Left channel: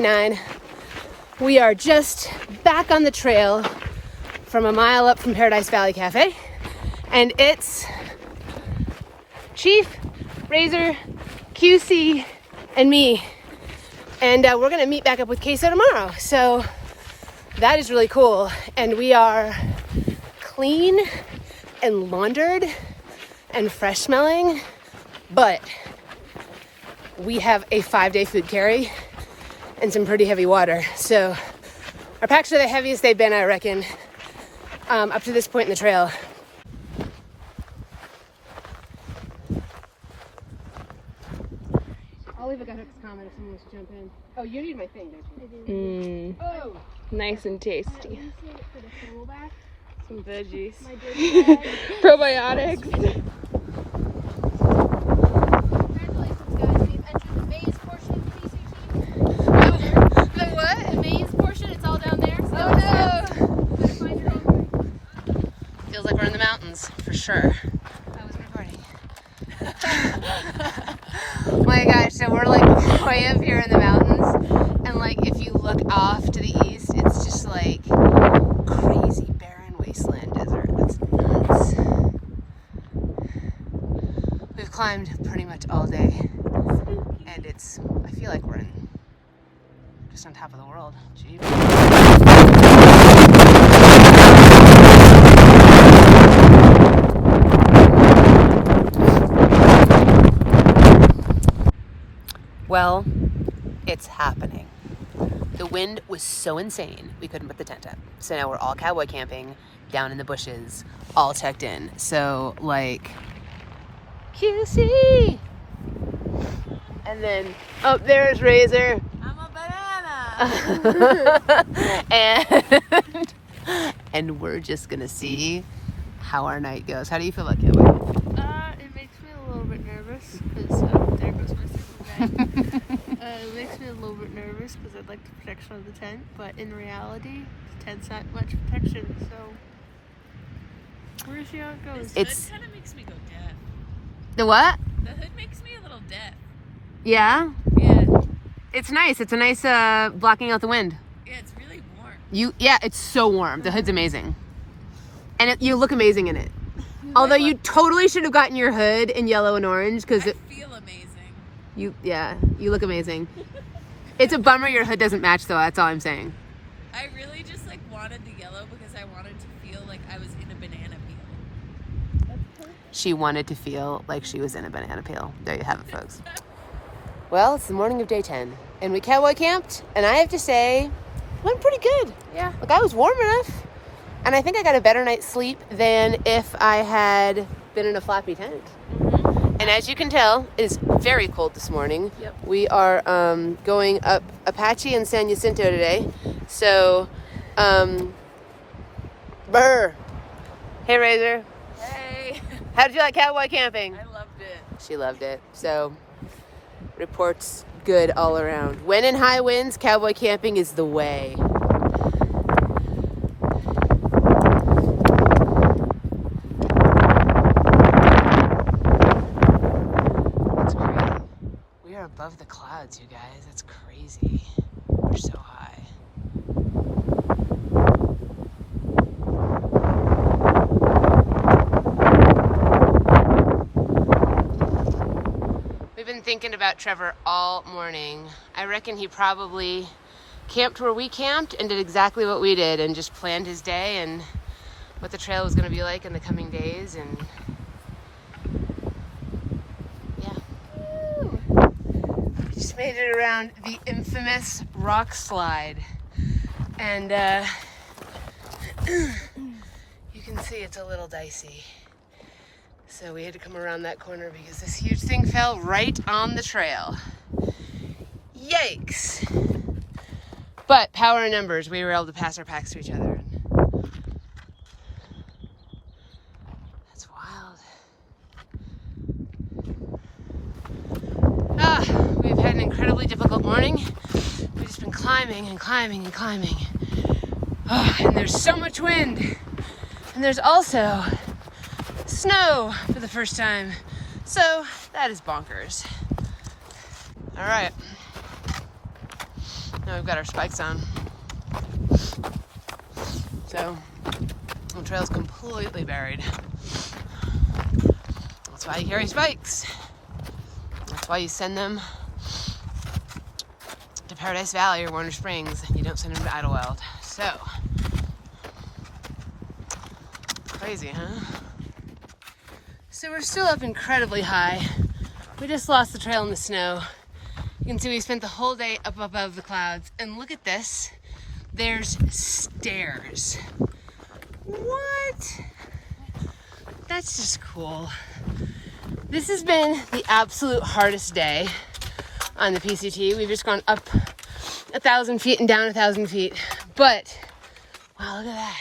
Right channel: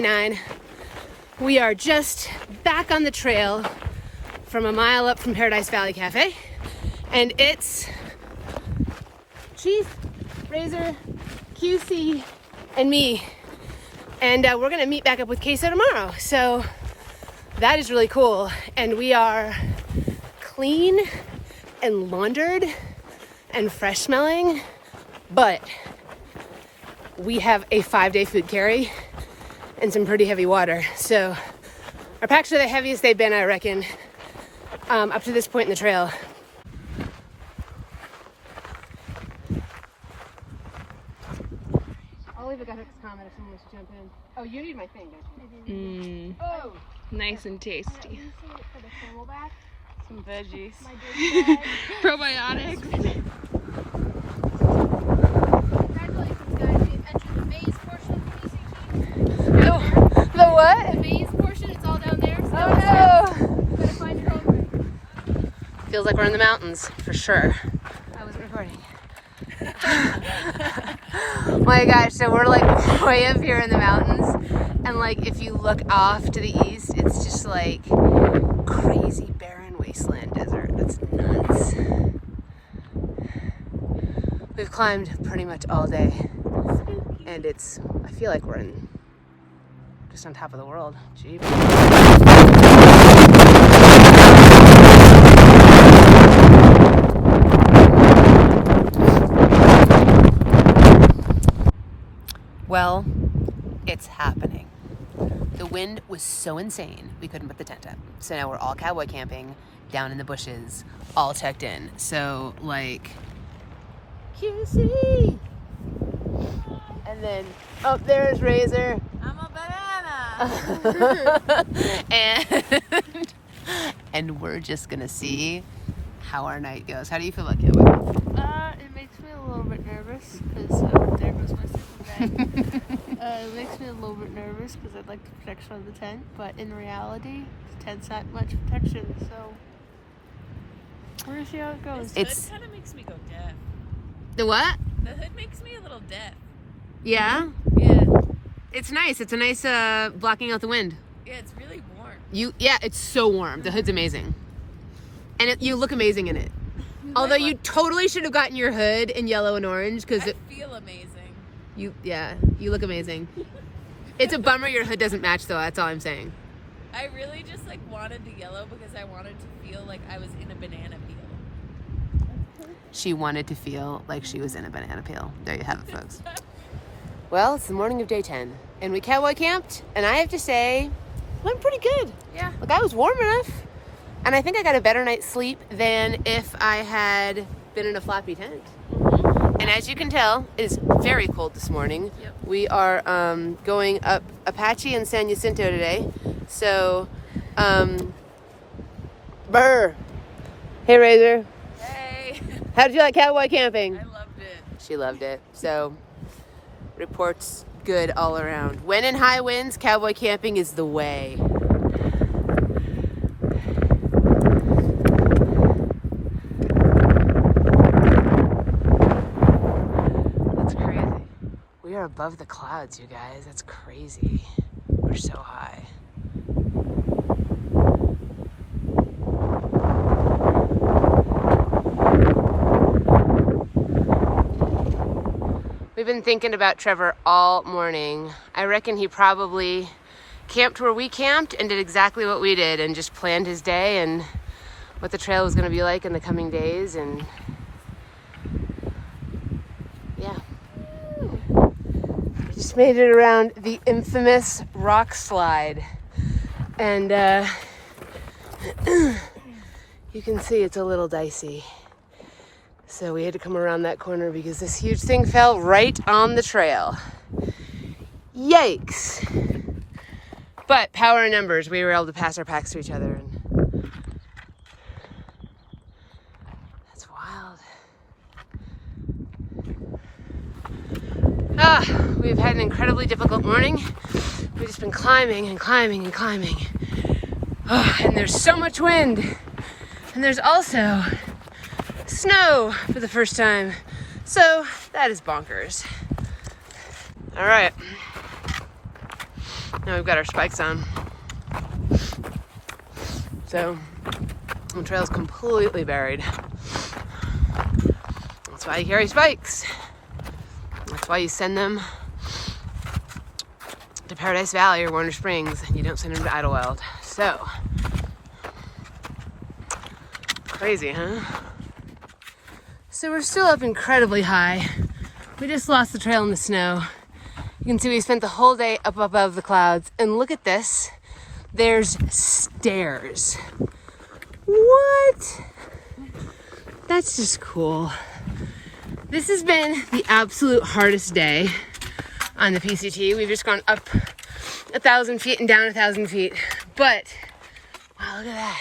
day 9. We are just back on the trail from a mile up from Paradise Valley Cafe. And it's Chief, Razor, QC, and me. And we're gonna meet back up with Queso tomorrow. So that is really cool. And we are clean and laundered and fresh smelling, but we have a 5-day food carry and some pretty heavy water. So our packs are the heaviest they've been, I reckon, up to this point in the trail. I'll leave a comment if someone wants to jump in. Oh, you need my thing. Oh, Nice and tasty. some veggies. Probiotics. The what? The maze portion, it's all down there. So find your own. Feels like we're in the mountains, for sure. I was recording. Oh my gosh, so we're like way up here in the mountains, and like if you look off to the east, it's just like crazy barren wasteland desert. That's nuts. We've climbed pretty much all day, and I feel like we're just on top of the world. Jeez. Well, it's happening. The wind was so insane, we couldn't put the tent up. So now we're all cowboy camping down in the bushes, all checked in. So, like, QC! And then, oh, there's Razor. I'm a banana. and we're just gonna see how our night goes. How do you feel about cowboy? It makes me a little bit nervous because there goes my second bag. It makes me a little bit nervous because I'd like to protect from the tent, but in reality, the tent's not much protection, so we're gonna see how it goes. The hood kind of makes me go deaf. The what? The hood makes me a little deaf. Yeah? Yeah. It's nice. It's a nice blocking out the wind. Yeah, it's really warm. Yeah, it's so warm. The hood's amazing. And you look amazing in it. Although you totally should have gotten your hood in yellow and orange because I feel amazing. you look amazing. It's a bummer your hood doesn't match though, that's all I'm saying. I really just like wanted the yellow because I wanted to feel like I was in a banana peel. She wanted to feel like she was in a banana peel. There you have it, folks. Well, it's the morning of day 10, and we cowboy camped, and I have to say, it went pretty good. Yeah. Like, I was warm enough, and I think I got a better night's sleep than if I had been in a flappy tent. And as you can tell, it is very cold this morning. Yep. We are going up Apache and San Jacinto today, so, brr. Hey, Razor. Hey. How did you like cowboy camping? I loved it. She loved it. So, reports good all around. When in high winds, cowboy camping is the way. That's great. We are above the clouds, you guys. That's crazy. We're so high. We've been thinking about Trevor all morning. I reckon he probably camped where we camped and did exactly what we did and just planned his day and what the trail was going to be like in the coming days. And yeah, we just made it around the infamous rock slide. And you can see it's a little dicey. So we had to come around that corner because this huge thing fell right on the trail. Yikes. But power in numbers, we were able to pass our packs to each other. And that's wild. We've had an incredibly difficult morning. We've just been climbing and climbing and climbing. And there's so much wind. And there's also snow for the first time. So that is bonkers. All right. Now we've got our spikes on. So the trail's completely buried. That's why you carry spikes. That's why you send them to Paradise Valley or Warner Springs. You don't send them to Idyllwild. So, crazy, huh? So we're still up incredibly high. We just lost the trail in the snow. You can see we spent the whole day up above the clouds. And look at this. There's stairs. What? That's just cool. This has been the absolute hardest day on the PCT. We've just gone up 1,000 feet and down 1,000 feet. But, wow, look at that.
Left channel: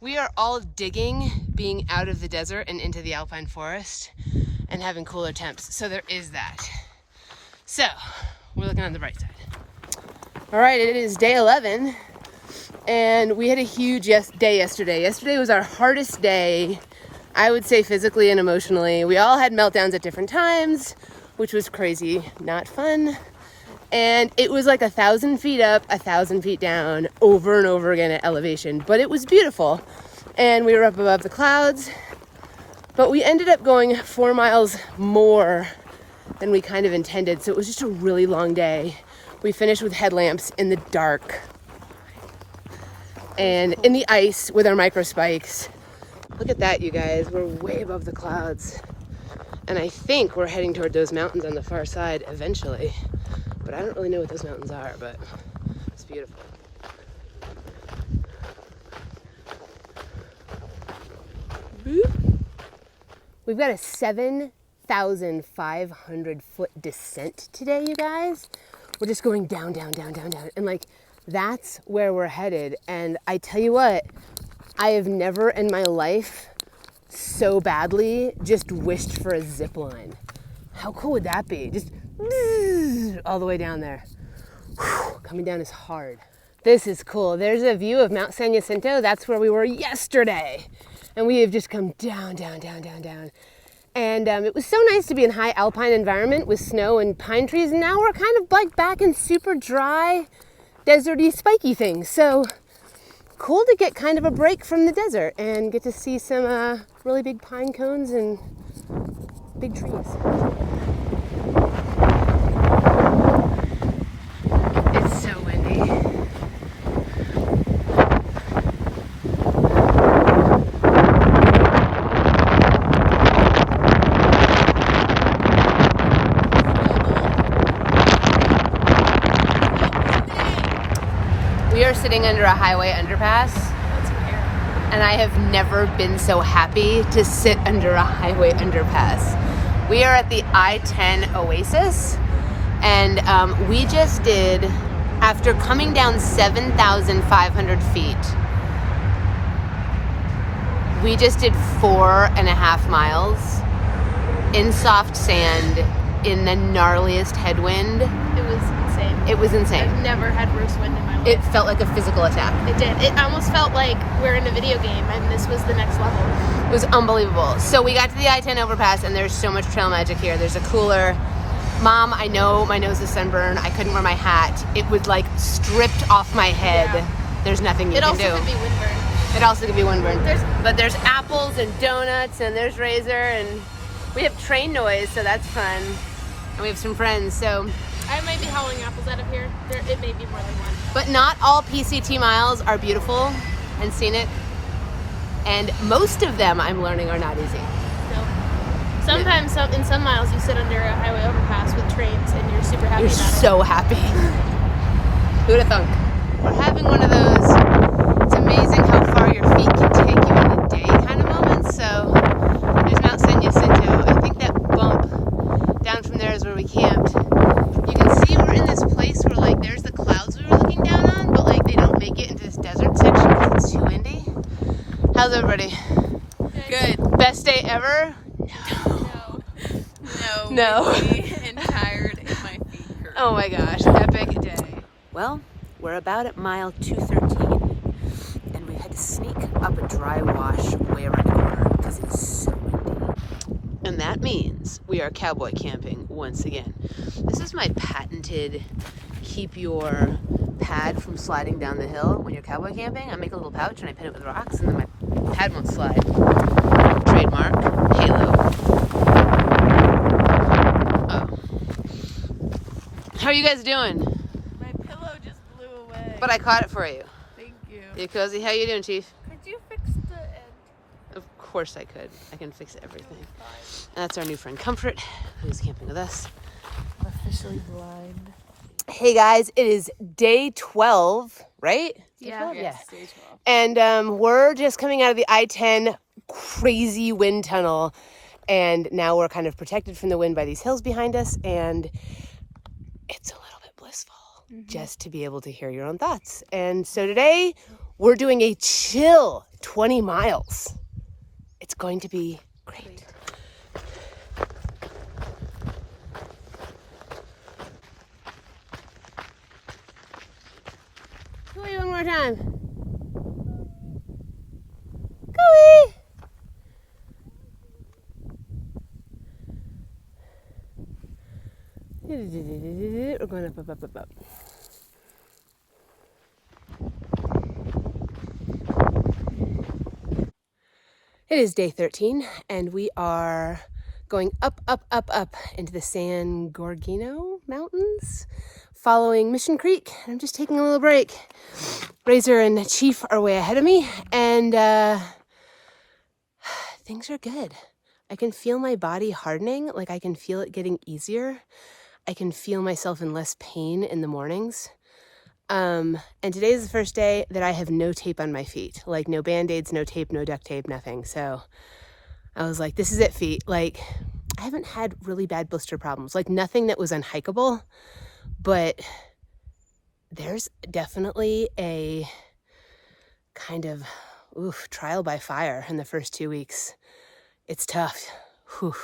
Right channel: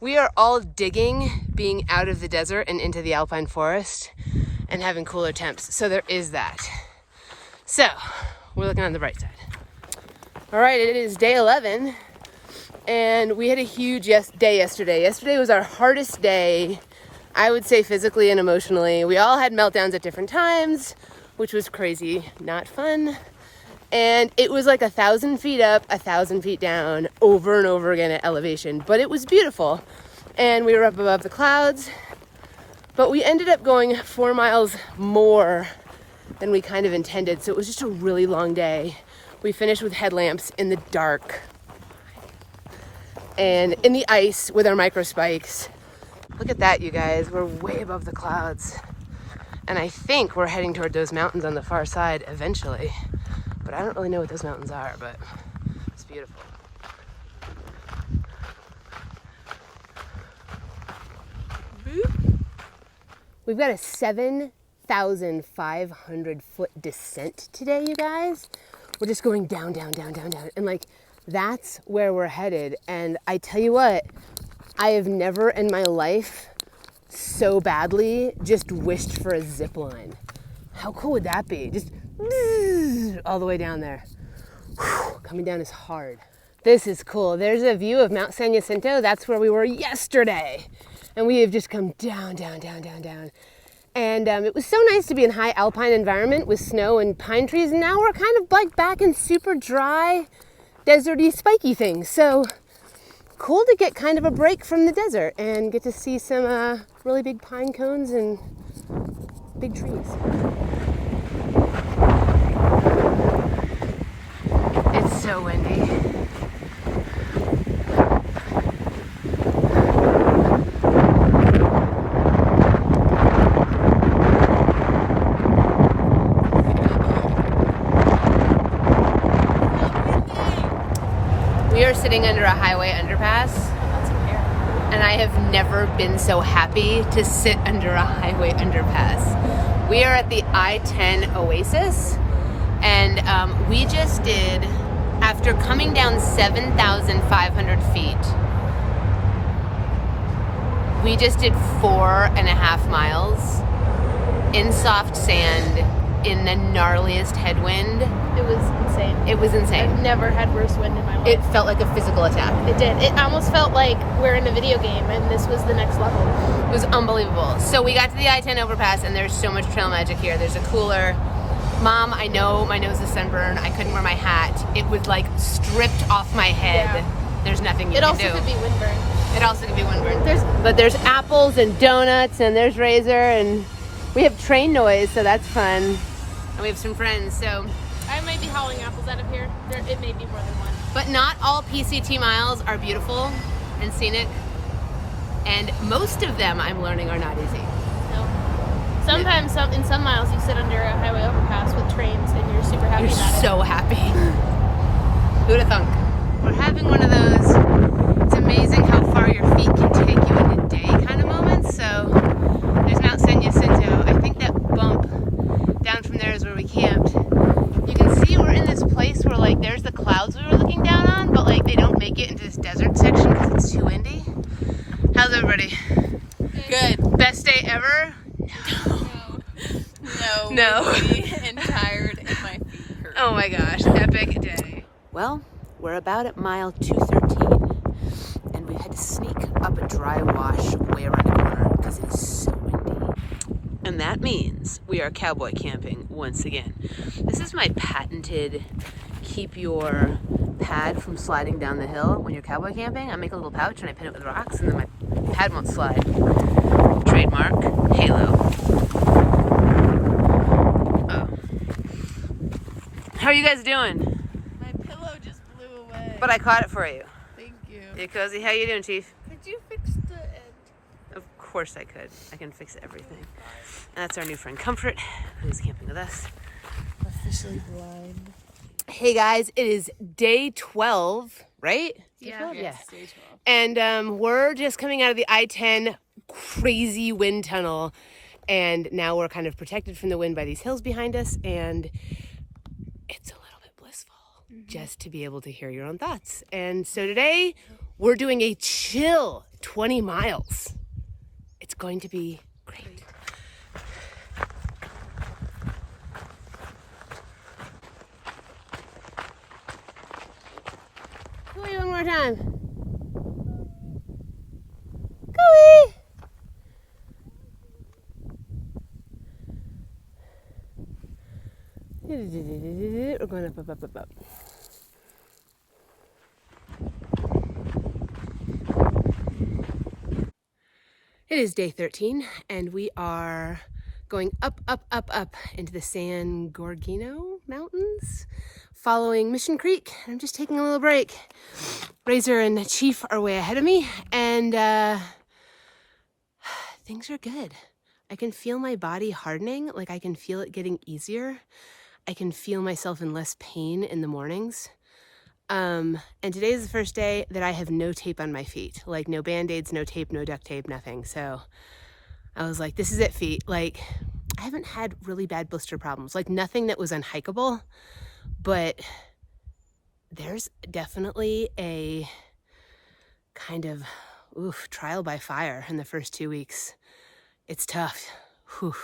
We are all digging being out of the desert and into the alpine forest and having cooler temps. So there is that. So, we're looking on the bright side. All right, it is day 11, and we had a huge day yesterday. Yesterday was our hardest day, I would say physically and emotionally. We all had meltdowns at different times, which was crazy, not fun. And it was like 1,000 feet up, 1,000 feet down, over and over again at elevation. But it was beautiful. And we were up above the clouds. But we ended up going 4 miles more than we kind of intended. So it was just a really long day. We finished with headlamps in the dark and in the ice with our micro spikes. Look at that, you guys. We're way above the clouds. And I think we're heading toward those mountains on the far side eventually. But I don't really know what those mountains are, but it's beautiful. We've got a 7,500 foot descent today, you guys. We're just going down, down, down, down, down. And like, that's where we're headed. And I tell you what, I have never in my life so badly just wished for a zip line. How cool would that be? Just all the way down there. Whew, coming down is hard. This is cool. There's a view of Mount San Jacinto. That's where we were yesterday. And we have just come down, down, down, down, down. And it was so nice to be in high alpine environment with snow and pine trees. And now we're kind of like back in super dry, deserty, spiky things. So cool to get kind of a break from the desert and get to see some really big pine cones and big trees. It's so windy. We are sitting under a highway underpass, and I have never been so happy to sit under a highway underpass. We are at the I10 Oasis, and we just did, after coming down 7,500 feet, we just did 4.5 miles in soft sand in the gnarliest headwind. It was insane. It was insane. I've never had worse wind in my life. It felt like a physical attack. It did. It almost felt like we're in a video game and this was the next level. It was unbelievable. So we got to the I-10 overpass, and there's so much trail magic here. There's a cooler. Mom, I know my nose is sunburned. I couldn't wear my hat. It was like stripped off my head. Yeah. There's nothing you can do. It also could be windburn. It also could be windburn. But there's apples and donuts, and there's Razor, and we have train noise, so that's fun. And we have some friends, so. I might be hauling apples out of here. It may be more than one. But not all PCT miles are beautiful and scenic. And most of them, I'm learning, are not easy. No. Sometimes in some miles you sit under a highway overpass with trains and you're super happy about it. You're so happy. Who would have thunk? We're having one of those, it's amazing how far your feet can take you in a day kind of moments. So there's Mount San Jacinto. I think that bump down from there is where we camped. You can see we're in this place where like there's the clouds we were looking down on, but like they don't make it into this desert section because it's too windy. How's everybody? Good. Best day ever? No. Windy and tired and my feet hurt. Oh my gosh, epic day. Well, we're about at mile 213, and we had to sneak up a dry wash way around the corner because it's so windy. And that means we are cowboy camping once again. This is my patented keep your pad from sliding down the hill when you're cowboy camping. I make a little pouch and I pin it with rocks, and then my pad won't slide. Trademark Halo. Oh. How are you guys doing? My pillow just blew away. But I caught it for you. Thank you. You cozy? How you doing, Chief? Could you fix the end? Of course I could. I can fix everything. And that's our new friend Comfort, who's camping with us. Officially blind. Hey guys, it is day 12, right? Yeah. Yes, stage 12. And we're just coming out of the I10 crazy wind tunnel. And now we're kind of protected from the wind by these hills behind us. And it's a little bit blissful just to be able to hear your own thoughts. And so today we're doing a chill 20 miles. It's going to be great. Cooey, one more time. Cooey! We're going up, up, up, up, up. It is day 13, and we are going up, up, up, up into the San Gorgino Mountains, following Mission Creek. I'm just taking a little break. Razor and Chief are way ahead of me, and things are good. I can feel my body hardening, like I can feel it getting easier. I can feel myself in less pain in the mornings. And today is the first day that I have no tape on my feet, like no band-aids, no tape, no duct tape, nothing. So I was like, this is it, feet. Like, I haven't had really bad blister problems, like nothing that was unhikeable, but there's definitely a kind of trial by fire in the first 2 weeks. It's tough. Whew.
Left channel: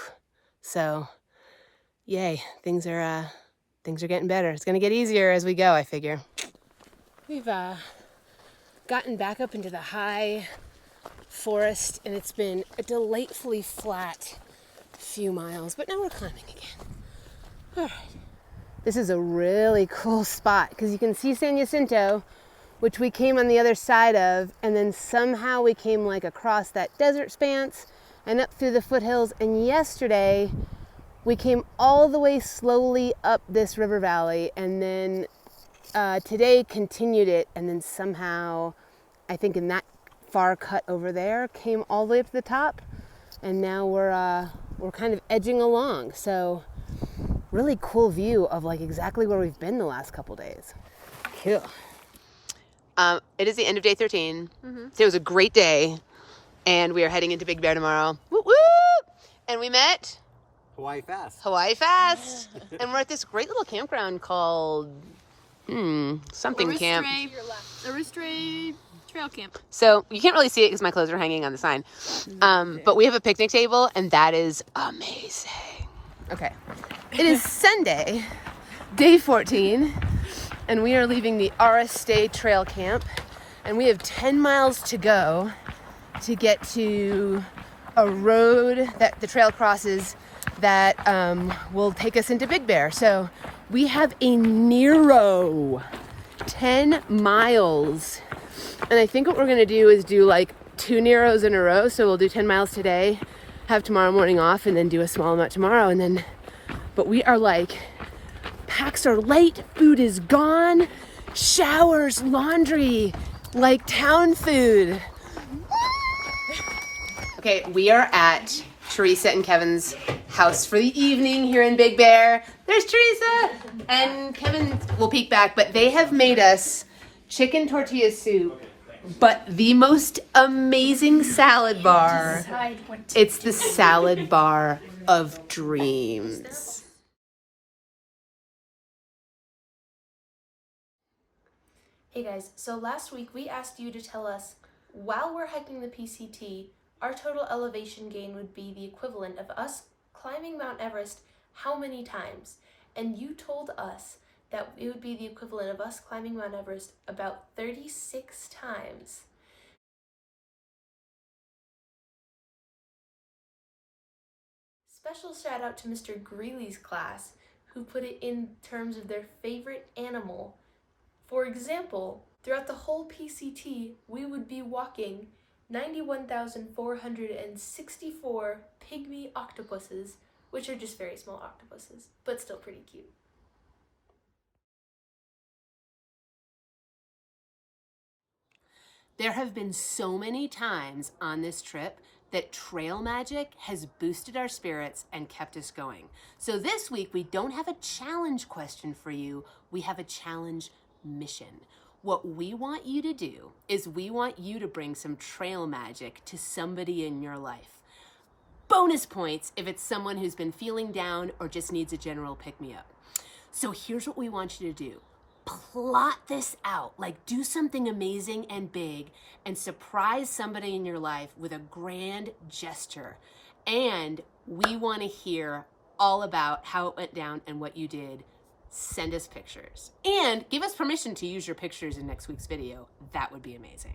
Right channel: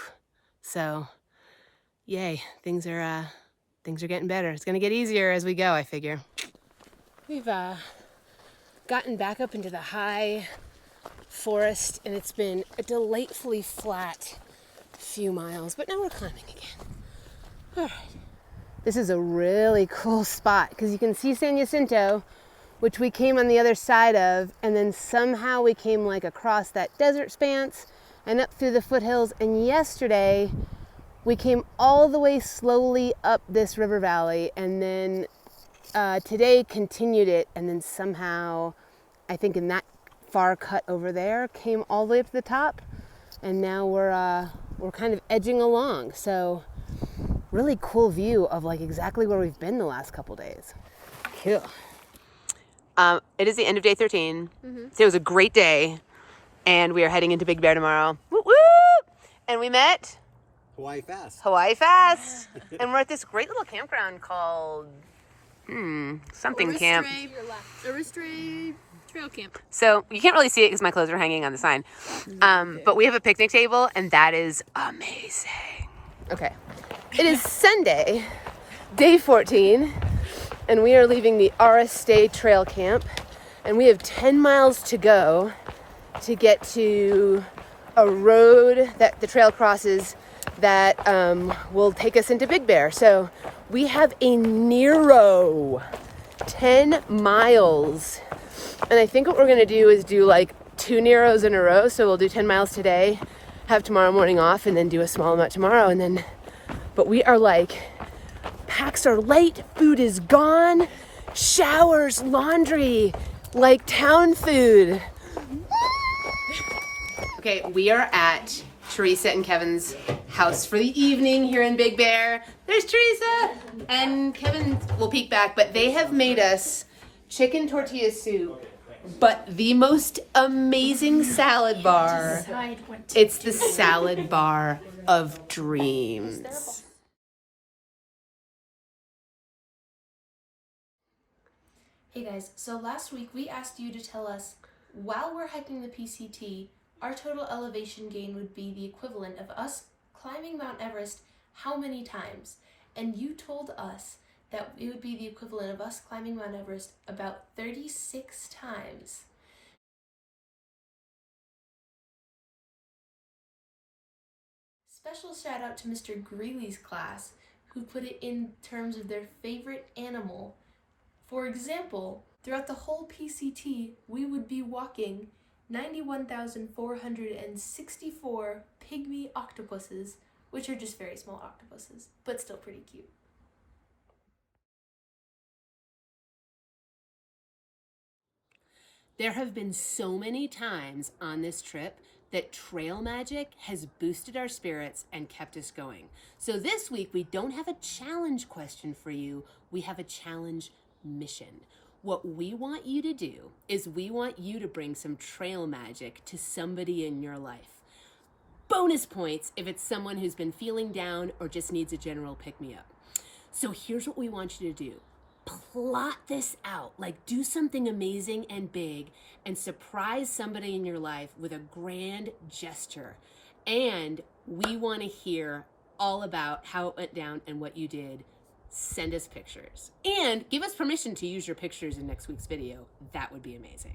So yay, things are getting better. It's gonna get easier as we go, I figure. We've gotten back up into the high forest, and it's been a delightfully flat few miles, but now we're climbing again. All right. This is a really cool spot because you can see San Jacinto, which we came on the other side of, and then somehow we came like across that desert expanse and up through the foothills, and yesterday we came all the way slowly up this river valley, and then today continued it, and then somehow, I think in that far cut over there, came all the way up to the top, and now we're kind of edging along. So really cool view of like exactly where we've been the last couple days. Cool. It is the end of day 13. Today was a great day, and we are heading into Big Bear tomorrow. Woo woo! And we met Hawaii Fast. And we're at this great little campground called something camp. Aristray Trail Camp. So you can't really see it because my clothes are hanging on the sign. But we have a picnic table, and that is amazing. Okay. It is Sunday, day 14, and we are leaving the Aristray Trail Camp, and we have 10 miles to go to get to a road that the trail crosses that will take us into Big Bear. So we have a narrow 10 miles. And I think what we're gonna do is do like 2 narrows in a row. So we'll do 10 miles today, have tomorrow morning off, and then do a small amount tomorrow. And then, but we are like, packs are light, food is gone, showers, laundry, like town food. Okay, we are at Teresa and Kevin's house for the evening here in Big Bear. There's Teresa, and Kevin will peek back, but they have made us chicken tortilla soup, but the most amazing salad bar. It's the salad bar of dreams. Hey guys, so last week we asked you to tell us, while we're hiking the PCT, our total elevation gain would be the equivalent of us climbing Mount Everest how many times? And you told us that it would be the equivalent of us climbing Mount Everest about 36 times. Special shout out to Mr. Greeley's class, who put it in terms of their favorite animal. For example, throughout the whole PCT, we would be walking 91,464 pygmy octopuses, which are just very small octopuses, but still pretty cute. There have been so many times on this trip that trail magic has boosted our spirits and kept us going. So this week, we don't have a challenge question for you, we have a challenge mission. What we want you to do is we want you to bring some trail magic to somebody in your life. Bonus points if it's someone who's been feeling down or just needs a general pick-me-up. So here's what we want you to do. Plot this out, like do something amazing and big and surprise somebody in your life with a grand gesture. And we want to hear all about how it went down and what you did. Send us pictures and give us permission to use your pictures in next week's video. That would be amazing.